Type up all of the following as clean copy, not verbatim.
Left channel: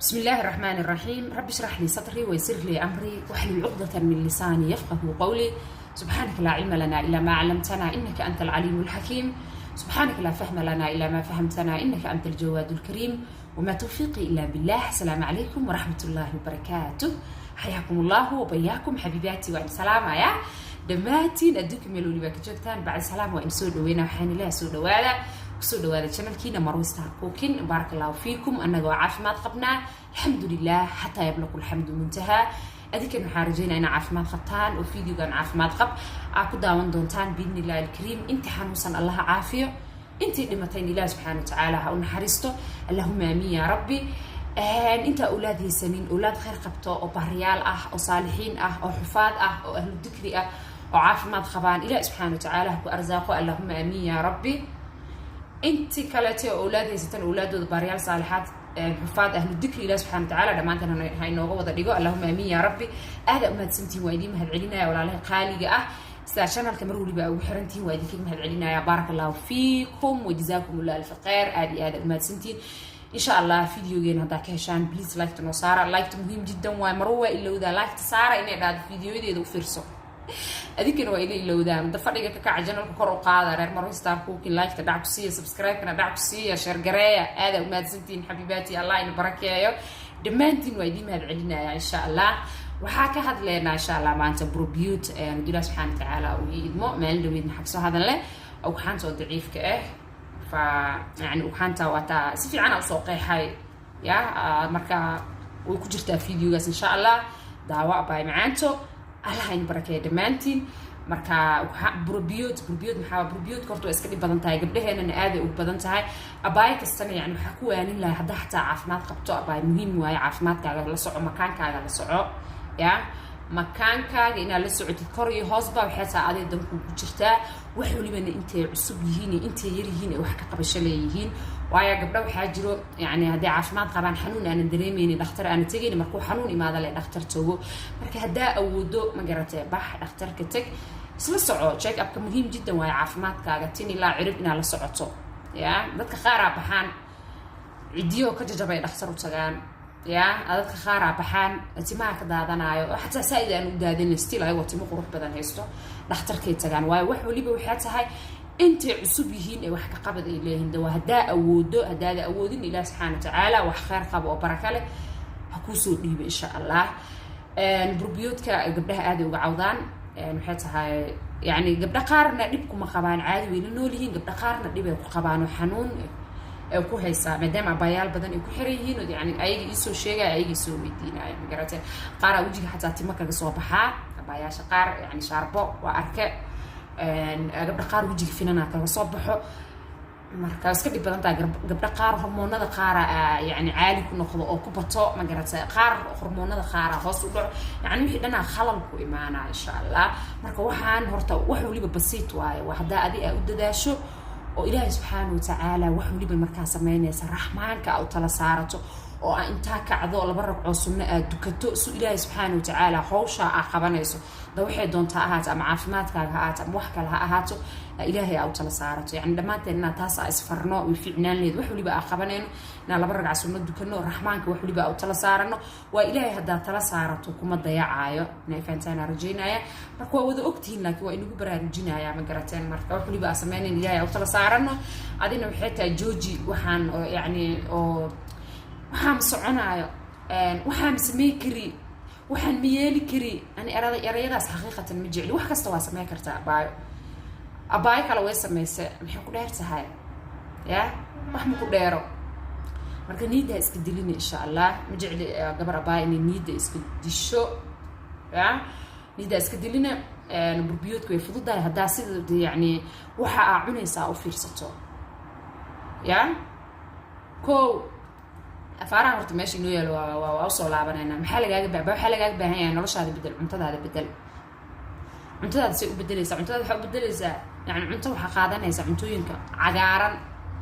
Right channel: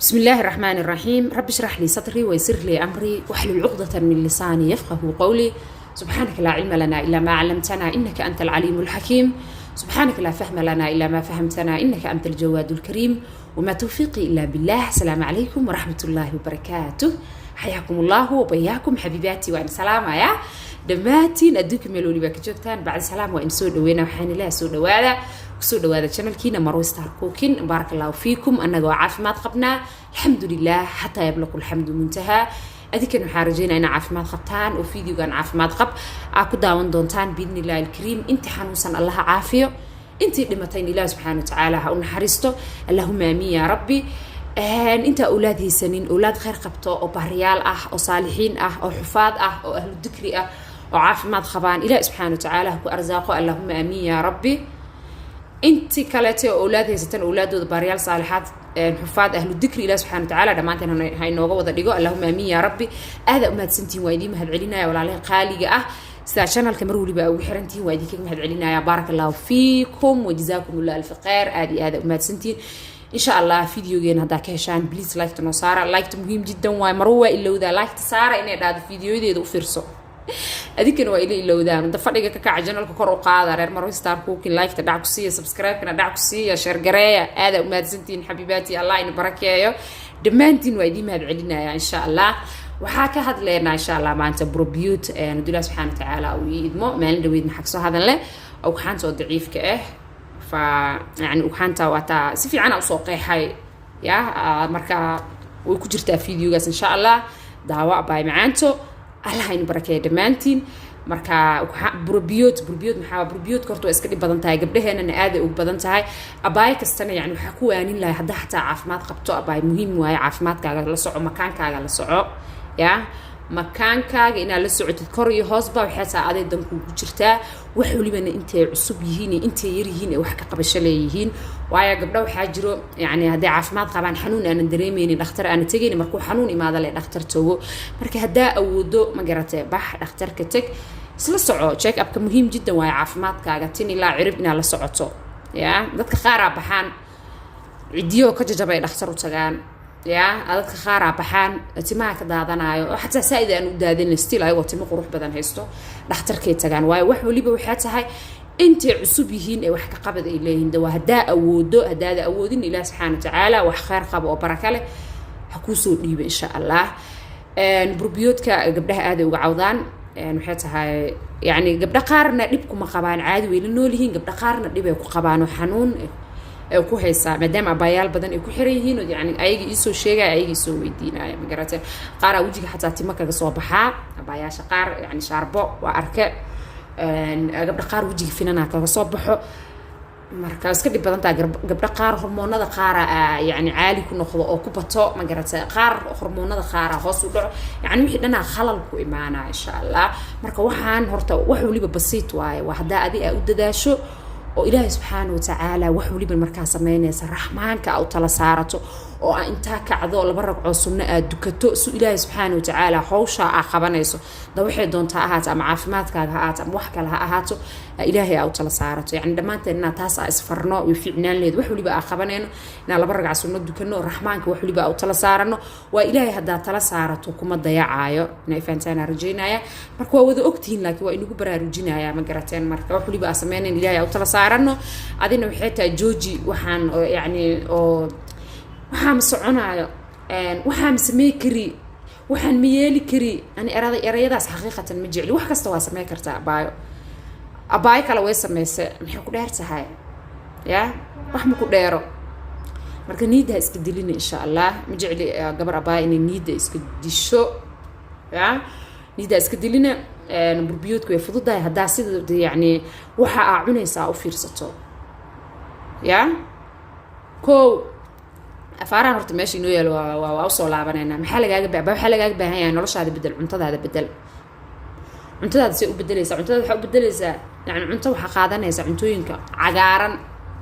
بسم الله الرحمن الرحيم. رب اشرح لي صدري ويسر لي أمري واحلل عقدة من لساني يفقه قولي. سبحانك لا علم لنا إلا ما علمتنا إنك أنت العليم الحكيم. سبحانك لا فهم لنا إلا ما فهمتنا إنك أنت الجواد الكريم. وما توفيقي إلا بالله. السلام عليكم ورحمة الله وبركاته. حياكم الله وبياكم حبيباتي وأنا سلامة يا دماتين أدوكم ملولي باك جوجتان بعد سلام وإن سود وين وحين الله سود وهذا وسود وهذا channelkiina Marwo Star Cooking. بارك الله فيكم أننا عافمات قبنا الحمد لله حتى يبلغ الحمد منتهى. أذكر محارجين أنا عافمات قبتان وفيديو كان عافمات قب أكو داون دونتان بإذن الله الكريم. أنت حنوسا الله عافية أنت لمتين الله سبحانه وتعالى هون حريستو اللهم آمين يا ربي. أنت أولادي سنين أولاد خير قبطو أو بهريال أو صالحين أو حفاظ أو أهل الذكر أو عافمات خبان إله سبحانه وتعالى هو أرزاقه اللهم آمين يا ربي. انت كلاتي اولاد ستن اولاد باريال صالحات حفاظ اهل الذكر الله سبحانه وتعالى دمانتنا هاي نوغا ودا ديغو اللهم امين يا ربي. هذا اماد سنتين وايدي مهد علينا ولا عليه قاليغا سدا شانل كمر وليبا او خيرنتين وايدي كيك مهد علينا. بارك الله فيكم وجزاكم الله الف خير. هذا اماد سنتين ان شاء الله فيديوغين هدا كهشان بليز لايك تو سارة. لايك مهم جدا واي مروه الا ودا لايك سارة اني داد فيديوهيدو فيرسو أذكر وإلي لودان دفعنا كعجنا الكوكر وقاعدة رير Marwo Star Cooking لايك تدعك سيا سبسكرايب كنا دعك سيا شير قراية. هذا وما زنتين حبيباتي الله ينبارك يا دمانتين ويدي مهد علينا إن شاء الله. وحاكى هذا لنا إن شاء الله مع أنت بروبيوت ندعو الله سبحانه وتعالى ويدمو ما عنده ويد محكسو هذا له أو كحنت ضعيف كأه يعني وكحنت وتا سفي عنا وسوقي حي يا مركا ويكجرت فيديو إن شاء الله دعوة باي معنته الله ينبارك دمانتين. marka بروبيوت maxaa بروبيوت korto iska dhib badan tahay gabdhaheena aad ay u badan tahay. abaay kastana yani waxa ku waanin lahay hadaa xataa caafimaad qabto abaay muhiim waaye caafimaadkaaga la soco makaankaaga la soco ya makaankaaga inaad la socotid kor iyo hoosba waxay taa aday dan ku jirtaa wax walibana intay cusub yihiin intay yar yihiin wax ka qabasho leeyihiin. waayo gabdho waxa jiro yani haday caafimaad qabaan xanuun aan dareemaynin dhakhtar aan tagayn markuu xanuun imaado le dhakhtar tago marka hadaa awoodo ma garatay bax dhakhtarka tag isla soco check up ka muhiim jiddan waayo caafimaadkaaga tin ilaa cirib inaad la socoto ya dadka qaar baxaan cidiyo ka jajabay dhakhtar u tagaan ya dadka qaar baxaan timaha ka daadanayo xataa saaid aan u daadin still ay wato qurux badan haysto dhakhtarkay tagaan waayo wax waliba waxa tahay inta cusub yihiin ee wax ka qabad ay leeyihiin dawa hadaa awoodo hadaa awoodin ilaa subhanahu wa ta'ala wax khayr qabo oo baraka leh ha ku soo dhiibo insha Allah. بروبيوتك gabdhaha aad uga cawdaan waxay tahay yani gabdha qaarna dhib kuma qabaan caadi weyn nool yihiin gabdha qaarna dhib ay ku qabaan oo xanuun ay ku haysaa maadaama abayaal badan ay ku xiran yihiin oo yani ayaga isoo sheegay ayaga isoo weydiinaya ma garatay qaar wajiga xataa timo kaga soo baxaa abayaasha qaar yani shaarbo waa arke gabdha qaar wajiga finana kaga soo baxo marka iska dhib badan tahay gabdha qaar hormoonada qaar yani caali ku noqdo oo ku bato ma garatay qaar hormoonada qaar hoos u dhaco yani wixii dhanaa khalal ku imaana insha Allah. marka waxaan horta wax waliba basiit waaye waa hadaa adi u dadaasho oo Ilaahay subhanahu wa ta'ala wax waliba markaa sameynaysa raxmaanka aw tala saarato oo inta kacdo laba ragco sunna aad dukato si Ilaahay subhanahu wa ta'ala hawsha qabanayso da waxay doontaa ahaato ama caafimaadkaaga ahaato ama wax kale ha ahaato Ilaahay aw tala saarato yani dhamaanteena taas isfarno way fiicnaan leed wax waliba qabanayno inaan laba ragco sunna dukano raxmaanka wax waliba aw tala saarano waa Ilaahay hadaa tala saarato kuma dayacaayo inay faantaana rajaynaya. marka waa wada ogtiin laakiin waa inagu baraarujinaya ma garateen marka wax waliba sameeyeen Ilaahay aw tala saarano adina waxay taa jooji waxaan yani oo waxaan soconaayo waxaan sameey kari waxaan miyeeli kari ani erayadaas xaqiiqatan ma jecli wax kasta waa sameey kartaa abaay kala way sameeyay maxay ku dheer tahay ya wax ma ku dheero marka niida iska dilina insha Allah ma jecli gabar abaay inay niida iska disho ya niida iska dilina burbiyodku way fududahay hadaa sida yani waxa aa cunaysaa u fiirsato ya ko afaaraan horta meesha inoo yaalo waa soo laabanayna maxaa lagaaga baahan yahay noloshaada bedel cuntadaada bedel cuntadaada si u bedelaysaa cuntada waxa u bedelaysaa yani cunto waxa qaadanaysaa cuntooyinka cagaaran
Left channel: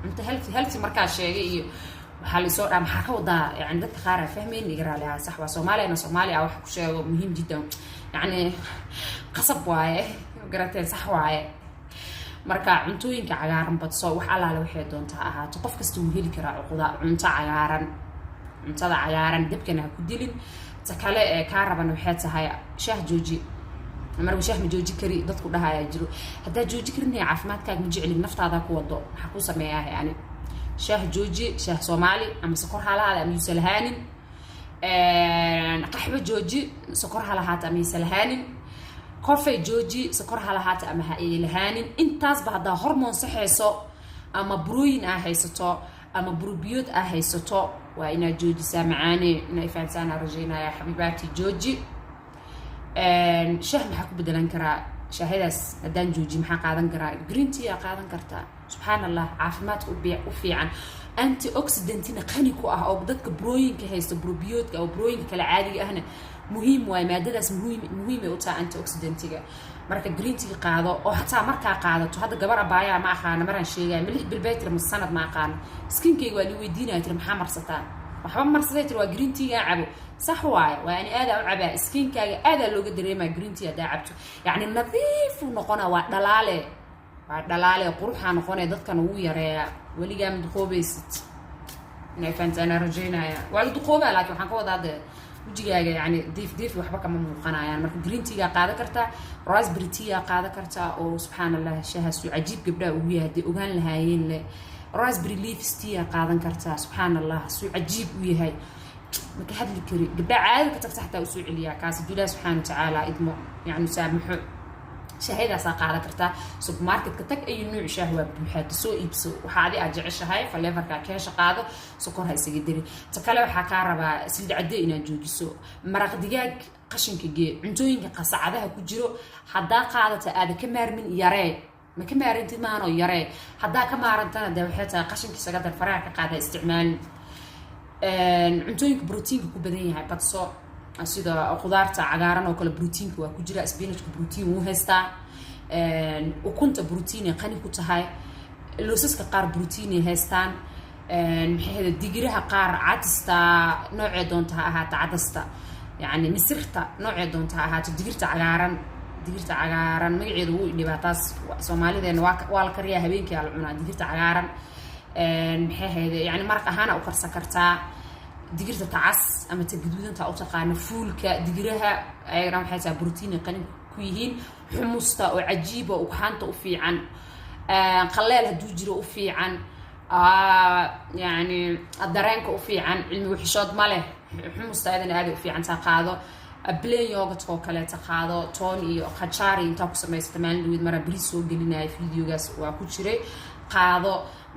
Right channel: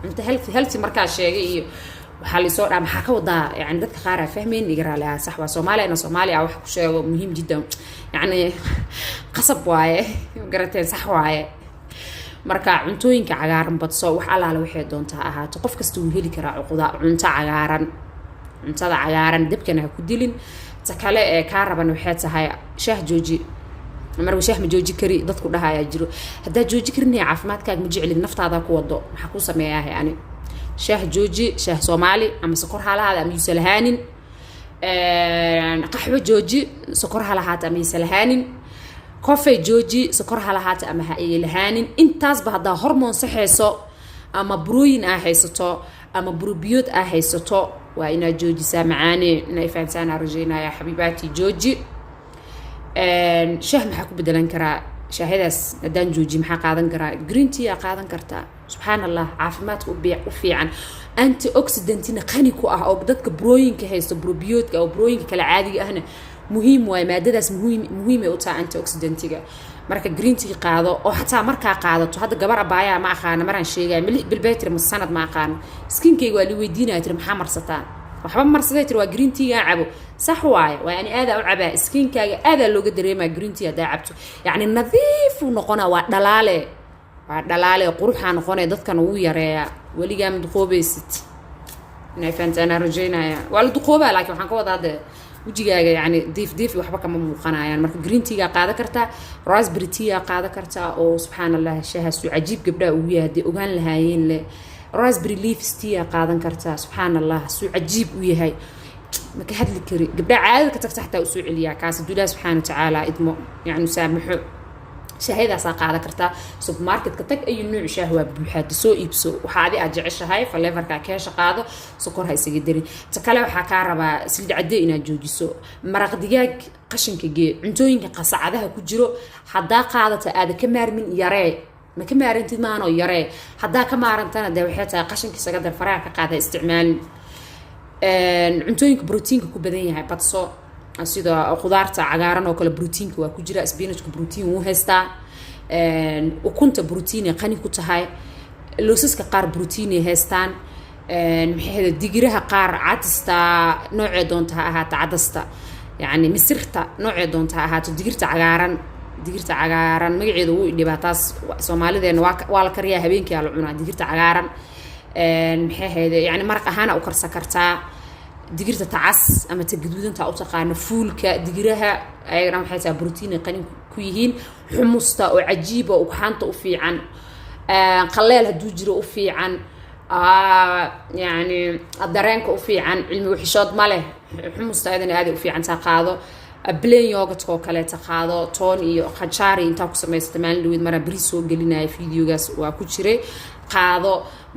cunto healthy markaa sheegay iyo waxa la soo maxaa ka wadaa yani dadka qaar fahmeen igaraalaha sax waa Soomaaliya wax ku sheego muhiim jiddan yani qasab waaye garateen sax waaye marka cuntooyinka cagaaran badso wax alaala waxay doontaa ahaato qof kasta uu heli karaa cunto cagaaran cuntada cagaaran dabkana ha ku dilin ta kale ee kaa raban waxay tahay shaah jooji mar shaah ma jooji kari dadku dhahayaa jiro haddaa jooji karinaya caafimaadkaaga ma jeclin naftaada ku wado maxaa ku sameeyaa yani shaah jooji shaah Soomaali ama sokor halahaada ama yusalahaanin qaxwo jooji sokor halahaada ama yusalahaanin coffee jooji sokor halahaada ama ha ilahaanin intaas ba hadaa hormoon saxeyso ama brooyin ah haysato ama brobiyood ah haysato waa ina joojisaa macaane inay fahantaan arjeenaya xabiibaati jooji shaah maxaa ku bedelan karaa shaahadaas hadaan jooji maxaa qaadan karaa green tea qaadan kartaa subhanallah caafimaadka u fiican antioxidantina qani ku ah oo dadka brooyinka haysto brobiyoodka oo brooyinka kala caadiga ahna muhiim waay maadadaas muhiim ay u tahay antioxidantiga marka green tea qaado oo hataa markaa qaadato hadda gabar abaaya ma aqaan maraan sheegay milix bilbeetir ma sanad ma aqaan skinkeyga waa li weydiinaa tir maxaa marsataa waxba marsaday tir waa green tea cabo sax waay waa yani aad u cabaa skinkaaga aad looga dareemaa green tea hadaa cabto yani nadiif uu noqona waa dhalaale quruxa noqonay dadkan ugu yareeya waligaa mid qoobaysid inay fahantaan rajaynaya waa la duqoobaa laakiin waxaan ka wadaa hadda wajigaaga yani diif waxba kama muuqanayaan marka green tea qaada kartaa raspberry tea qaada kartaa oo subhanallah shaahasu cajiib gabdha ugu yahay ogaan lahaayeen le raspberry leaves tea qaadan kartaa subhanallah suu cajiib u yahay marka hadli kari gabdha caadi ka tagta xataa u soo celiyaa kaas Ilaahay subhanahu wa ta'ala idmo yani saamaxo shaahadaas qaada kartaa supermarket ka tag ay nooc shaah waa buuxaad soo iibso waxa aad jeceshahay flavor-ka ka shaqaado sokor ha isaga dari ta kale waxa ka rabaa saliid cadde inaad joojiso maraq digaag qashinka gee cuntooyinka qasacadaha ku jiro hadaa qaadata aad ka maarmin yaree ma ka maarantid maano yaree hadaa ka maarantana de waxay tahay qashinka isaga dar faraha ka qaada isticmaal cuntooyinka proteinka ku badan yahay badso sida qudaarta cagaaran oo kale proteinka waa ku jira spinachka protein uu haystaa ukunta protein qani ku tahay loosaska qaar protein ay haystaan maxay digiraha qaar cadista noocee doonta ahaata cadasta yani misirta noocee doonta ahaata digirta cagaaran magaceedu uu dhibaataas Soomaalideena waa la kariyaa habeenkii la cunaa digirta cagaaran maxay yani maraq ahaan u karsan kartaa digirta tacas ama gaduudanta u taqaana fuulka digiraha ayagana waxay tahay protein qani ku yihiin xumusta oo cajiib oo xanta u fiican qaleel haduu jiro u fiican yani dareenka u fiican cilmi wixishood ma leh xumusta ayadana aad u fiican ta qaado plain yogurt oo kale ta qaado toon iyo khajari inta ku sameysata maalin dhaweed mara bariis soo gelinaya videogaas waa ku jiray qaado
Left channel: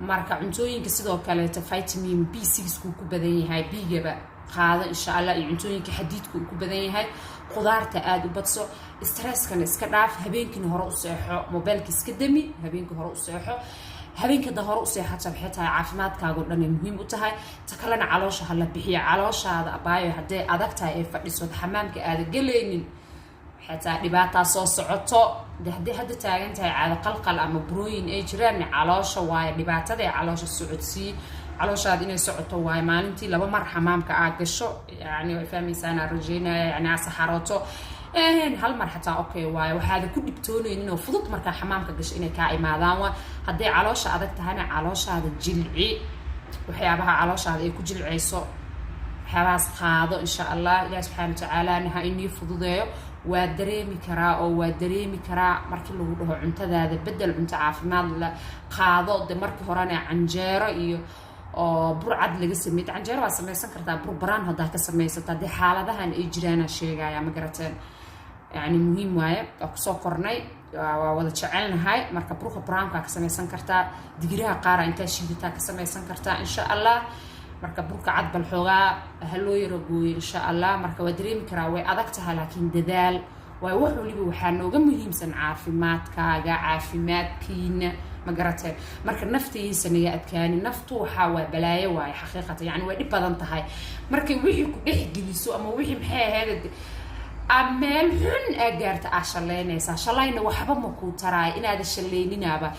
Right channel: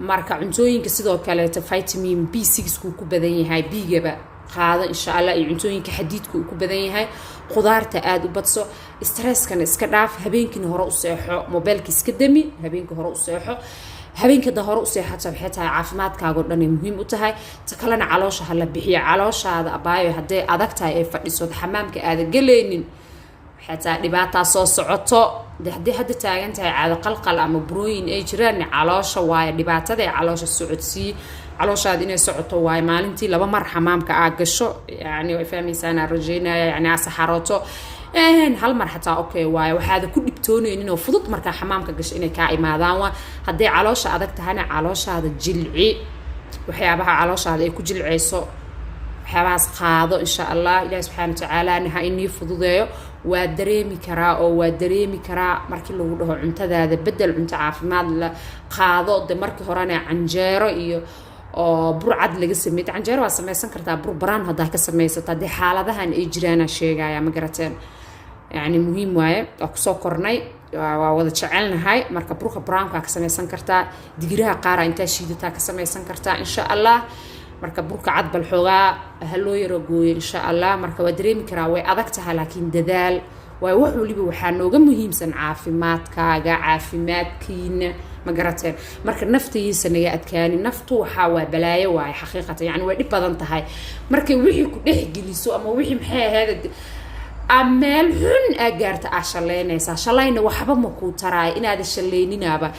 marka cuntooyinka sidoo kale ta vitamin B6 ku badan yahay B-gaba qaado insha Allah iyo cuntooyinka xadiidku ku badan yahay qudaarta aad u badso stress-kana iska dhaaf habeenkii hore u seexo mobilka iska dami habeenkii hore u seexo habeenkii da hore u seexato waxay tahay caafimaadkaaga dhan ay muhiim u tahay ta kalena caloosha hala bixiyo calooshaada abaayo haday adag tahay ay fadhiso xamaamka aad galeynin حتى دبعتها صوص عطو ده حد تاجنتها على قلقل أما بروين أي جيران علاشة واي دبعتها ده علاشة السعودية علاشة هذين السعودية واي مالنتي لما مر حمام كأجشوا يعني فهمي سنة رجينا يعني على سحراته هل مر حتى أوكي واي وهذا كل بتوني إنه فضت مركا حمام كجش إنه كائن ماذا هدي علاشة هذاك تهنا علاشة هذا جلعي وحيابها علاشة هذا يكون جلعي صو حواس قاضو إن شاء الله الله سبحانه وتعالى إنها إني فضوضيه ودريمي كرا أو ودريمي كرا مركي لو ده عنتذا هذا بدل عنت عافماد لا قاضو ده مركي هرانا عنجرة إيو برعد لقسم ميت عنجرة وسميسن كرتا بران هذا كسميسة تدي حالة ده هن إجرانا شيء يا مقرتين يعني مهم واي أقصى قرني ووضع شعلنا هاي مركب بروح بران كسميسن كرتا دقيرها قارة إنت شيدتها كسميسن كرتا إن شاء الله marka burka cad bal xogaa haloo yaro gooyo insha Allah marka waa dareemi karaa way adag tahay laakiin dadaal way wax waliba waxa nooga muhiimsan caafimaadkiina ma garateen marka naftiisa naga adkaani naftu waxa waa balaayo waay xaqiiqatan yani way dhib badan tahay marka wixii ku dhex geliso ama wixii maxay ahayd ameel xun agaarta ashaleynaysa shalayna waxba ma ku taraay inaad shaleyninaaba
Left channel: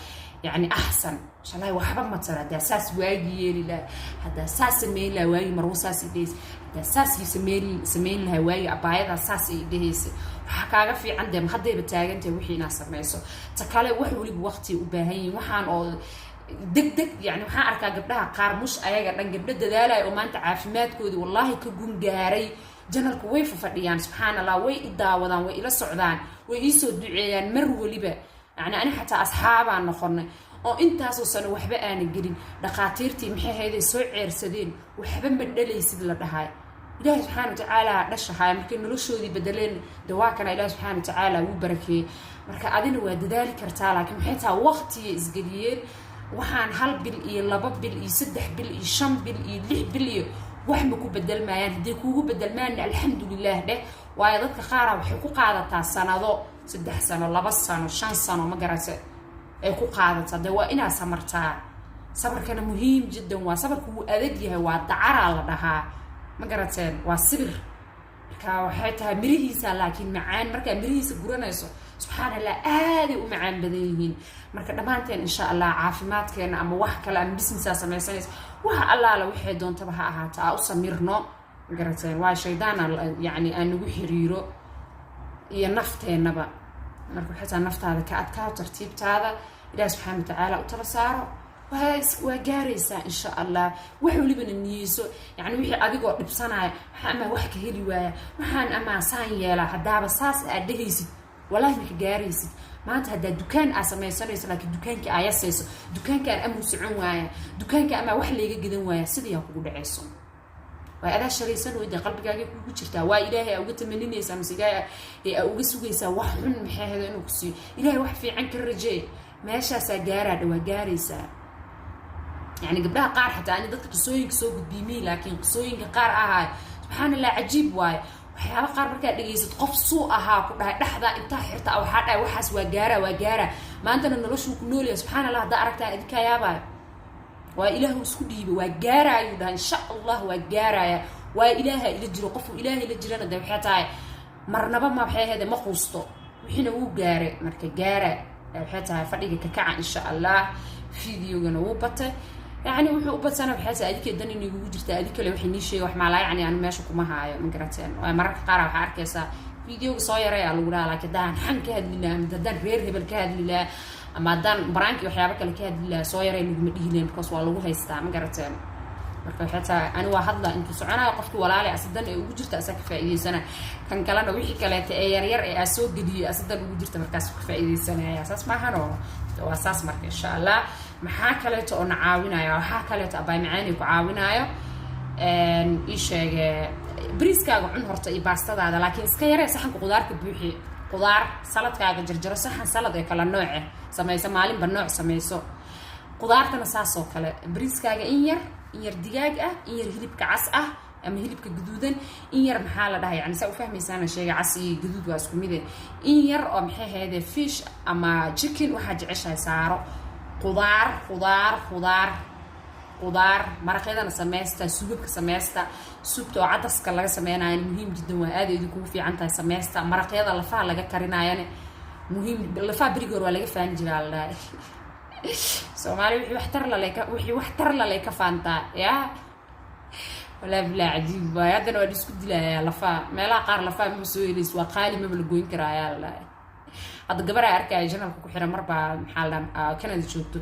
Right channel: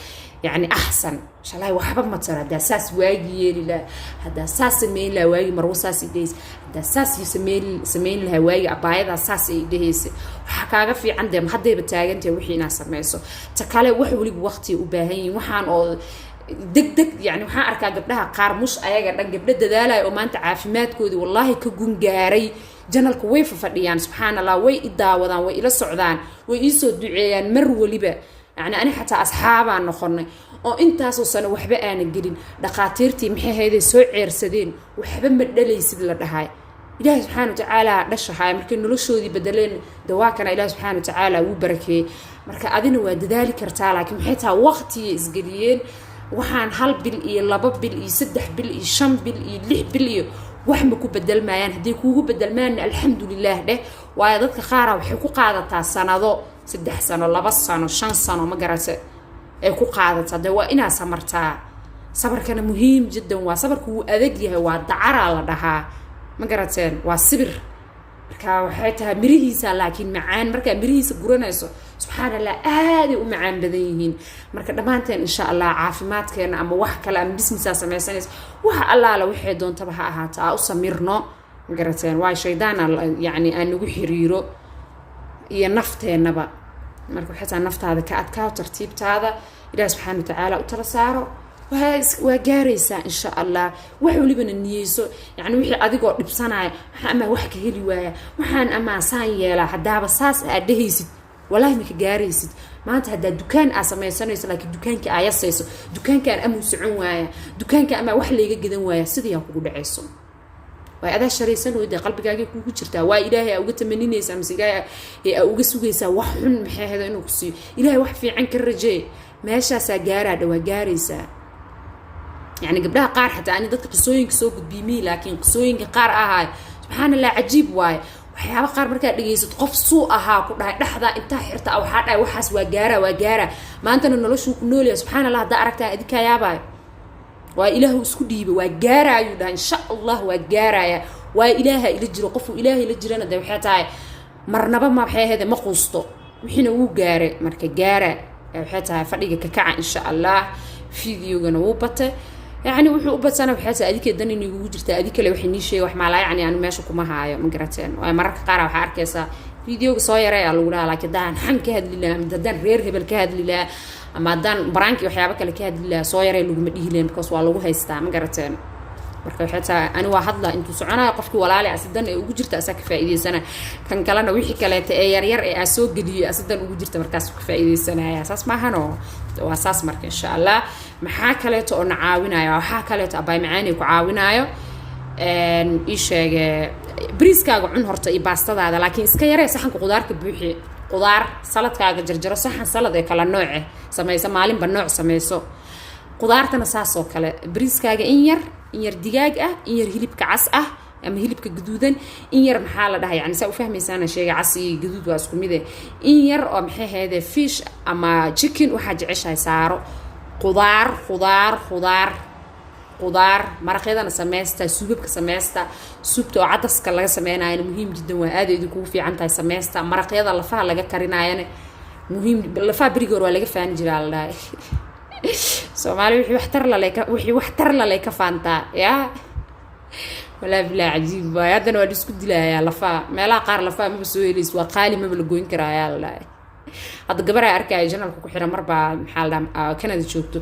يعني أحسن شلای وحبا ما ترى ده ساس واجي لا هذا ساس ميل لا واجي مروساس يديس ده ساس يسمين لها واجي أبايد ساس يديس حكاها في عندهم حد يبتاعن توحي ناس ميسو تكاله وحولي بوقتي وباهين وحان أو degdeg yani waxaan arkaa gabdhaha qaar mus ayaga dhan gabdho dadaalaya oo maanta caafimaadkoodii wallaahi ka gungaaray janalka way fadhiyaan subxaanallah way i daawadaan way ila socdaan way ii soo duceeyaan mar waliba yani ani xataa asxaabaan noqonay oo intaasoo sano waxba aanan gelin dhaqaatiirtii maxay hayday soo ceersadeen waxba ma dhalaysid la dhahay ilaahay subxaana watacaala dhashahay markay noloshoodii bedeleen dawaakana ilaahay subxaana watacaala wuu barakeeyey marka adina waa dadaali kartaa laakiin maxay tahay waqtiya isgeliyeen waxaan 1 bil iyo 2 bil iyo 3 bil iyo 5 bil iyo 6 bil iyo wax ma ku bedelmayaan haddii kuugu bedelmaan alxamdulilah dheh waayo dadka qaara waxay ku qaadataa sanado 3 sano 2 sano 5 sano ma garata ay ku qaadataa de waa inaa samartaa sabarkana muhiim jiddan waa sabarku wuu adag yahay waa dacaraa la dhahaa ma garateen waa sibir marka waxay tahay mirihiisa laakiin macaan marka mirihiisa guranayso subxaanallah aad ay u macaan badan yihiin marka dhamaanteen insha Allah caafimaadkeena ama wax kale ama business samaysanaysa waxa allaala wixii doontaba ha ahaato u samirno ma garateen waa shaydaan yani aan nagu xiriiro iyo nafteenaba marka waxay tahay naftaada ka adkaa tartiibtaada ilaahay subxaanahu wa ta'aala u tala saaro waa gaaraysaa insha Allah wax walibana niyeyso yani wixii adigoo dhibsanaya waxa ama wax ka heli waaya waxaan ama saan yeela hadaaba saas aad dhehaysid wallahi ma ka gaaraysid maanta hadaa dukaan aad samaysanayso laakiin dukaankii aad yasayso dukaankaan ama socon waaya dukaanka ama wax leega gadan waaya sidii yaa kugu dhacayso waa adaa sharaysan oo qalbigaaga kugu jirtaa waa ilaahay uga tamaninaysa mise ilaahay uga sugaysaa wax xun maxay ahayd inuu ku siiyo ilaahay wax fiican ka rajee meeshaas gaaraa dhawaa gaaraysaa يعني قبلها قار حتى أنا ضد قصوين سوق بيمي لكن قصوين قار سبحان الله عجيب واي وحياة قار مركا دقيسة قف سوءها كلها لحظة انت حرت أو حتى وحس وجارة ما أنت نلوش نقول سبحان الله دارك أديك يا باي وإله سكدي وجارة يودا إن شاء الله وجارة وإله يلجر قف إله يلجر أنا ده وحياة مرنبا ما بحياة هذا ما قصته وحنا هو جارة مركا جارة وحياة فريق ككع إن شاء الله فيديو جنوبته يعني وحو بتسنا بحيث أديك الدنيا إنه وجرت أديك اللي وحني شيء وحمالا يعني أنا ماشي كمها هاي مقرتين ومرة قارة وحركة فيديو صايرة يا لولا لكن دان حنك هاد لله دان غير هبل كهاد لله أما دان برانكي وحيابك اللي كهاد لله صايرة اللي مديه لين بقص والله هيستا مقرتين marka xita ani waa hadla intu soconaa qofki walaali asidan ay ugu jirta asaka faa'iideysana kan kalena wixii kale ee yar yar ee soo geliyo asidan ugu jirta markaas ku faa'iideysanaya saas ma hano waa saas marka insha Allah maxaa kale oo nacaawinayo waxa kale oo abay macaani ku caawinayo ii sheege briskaaga cun horta iyo baastadaada laakiin iska yaree saxanka qudaarka buuxi qudaar saladkaaga jarjaro saxan salad ee kala nooc samaysa maalinba nooc samayso qudaartana saas oo kale briskaaga in yar digaag in yar hilibka cas ama hilibka gaduudan in yar maxaa la dhahay yani saa u fahmaysaana sheega cas iyo gaduud waa isku mid in yar oo maxay hayde fish ama chicken waxa jeceshahay saaro qudaar maraqyadana sameeysta suubabka sameeysta suubta oo cadaska laga sameeynayo muhiim jiddan waa aad idin kugu fiican tahay sameeysta maraqyada lafaha laga karinaayana muhiim lafaha birigoor waa laga faan jiraa la dhahay Soomaali wixii waxtar la leeka faanta ya wala bila ajiib baayadana waa isku dilaaya lafa meelaha qaar lafa ma soo yeelis waa qaali ma la goyn karaaya la hada gabar ay arkay janalka ku xiran marba maxal Canada joogto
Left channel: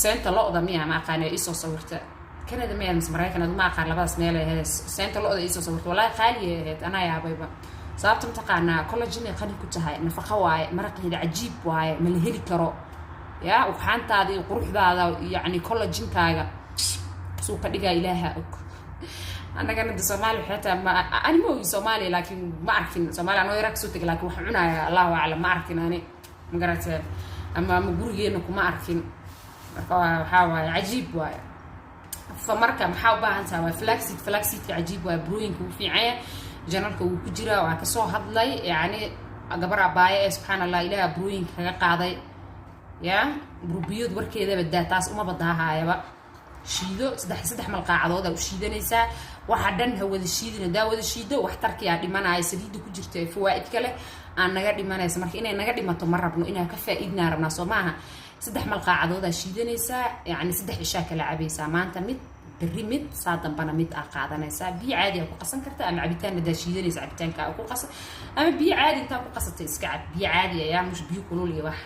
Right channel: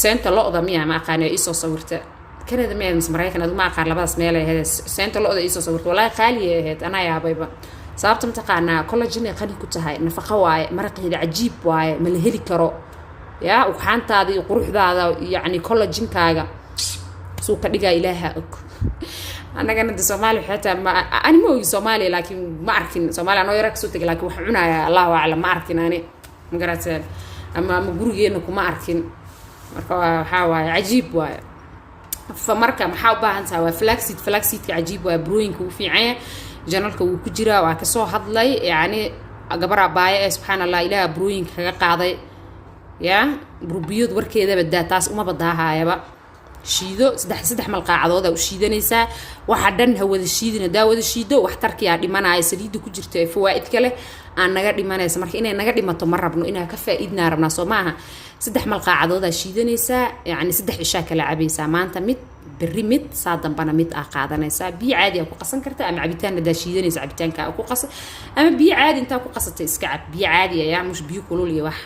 seenta looda miya ma aqaanay isoo sawirta Canada ma mis Mareykanka ma aqaan labadaas meel ay hees seenta looda isoo sawirta wala qaali ahayd ana yaabayba sababta mataqaana collagen ay qani ku tahay nafaqo waaye maraqeeda ajiib waaye ma la heli karo يا وحانتادي قروحدادا يعني كولاجينكاغا سو كدغا إلهها أنا كانت Soomaali حتى ما أنا مو Soomaali لكن ما أعرفين Soomaali أنا يراك سو تقول لكن وحنا يا الله أعلم ما أعرفين أنا مقرأت أما مجروجي إنكم ما أعرفين حوا عجيب واي فمركا محاوبة هنسا فلاكسيد عجيب واي بروينك وفي عين جنالك وكجرا وكسو هضلي يعني قبر باية سبحان الله إله بروينك قاضي يا بروبيود وركيده بدا تاس uma badahayaba shiido saddex malqaacadooda u shiidanaysa waxa dhan hawada shiidina daawada shiido wax tarkiya dhimanaya saliid ku jirto ee fawaa'id kale aan naga dhimanaysa marka inay naga dhimato ma rabno inaa ka faa'iidna rabna Soomaha saddex malqaacadooda shiidanaysa yani saddex isha kala cabaysa maanta mid berri mid saadanbana mid qaadanaysa biyo caadi ah ku qasan karta ama cabitaan da shiidanaysa cabitaanka ku qasan ama biyo caadi inta ku qasatay iska cab biyo caadi ah mush biyo kulul iyo wax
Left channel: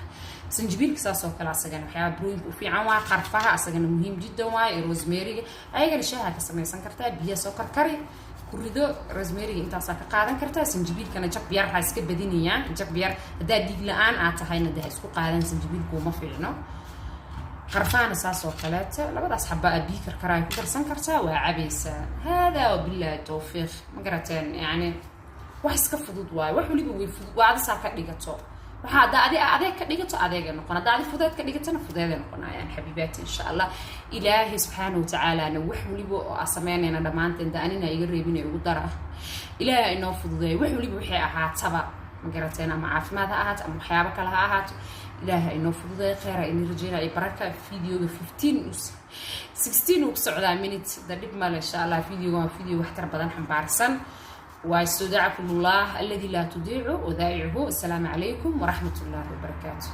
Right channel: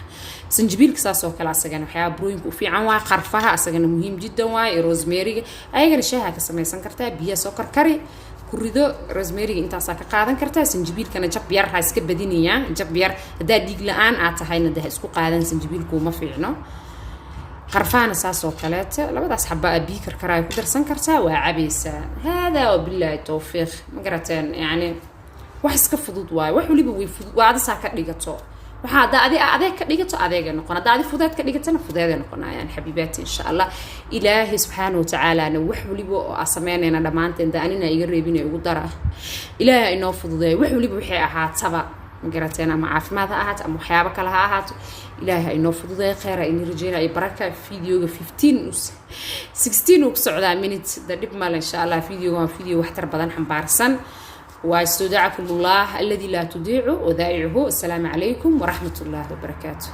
سنجبيل كساسو كلا أسجنا وحياة بروين وفي عنوا قرفها أسجنا مهم جدا واي روزميري أيجنا شيء كسمة سنكرتها بيا سكر كري كوريدو روزميري أنت ساك قاعدن كرتها سنجبيل كان جب بيار هاي سكب بدينية جب بيار ده ديج الآن عتهاينا ده سكو قاعدن سنجبيل كوما فيعنو قرفان ساسو كلاته لبدا أصحاب أبي كركراي كدر سنكرتها وعبيسة هذا وبالله التوفيق مقرتين يعني وحس كفضود واي وحولي بويفضود وعاد ساكر ديجتو وحدا أديك ديجتو أديك نقنا دا أدي فضات كديجتنا فضات نقنا يعني حبيباتي إن شاء الله إلهي سبحانه وتعالى أنا وحولي بو أسمعنا أنا دمانت إن دانينا يقربين يقدره إلهي إنه فضود وحولي بوحي أحد سبا مقرتين أما عارف ماذا أحد أما حيابك لها أحد إلهي إنه فضود خير إني رجينا بركة فيديو 16 وبسعودة منت درب مال إن شاء الله فيديو واحتر بدن حنبارسن واستودعكم الله الذي لا تضيع ودائعه. السلام عليكم ورحمة الله وبركاته.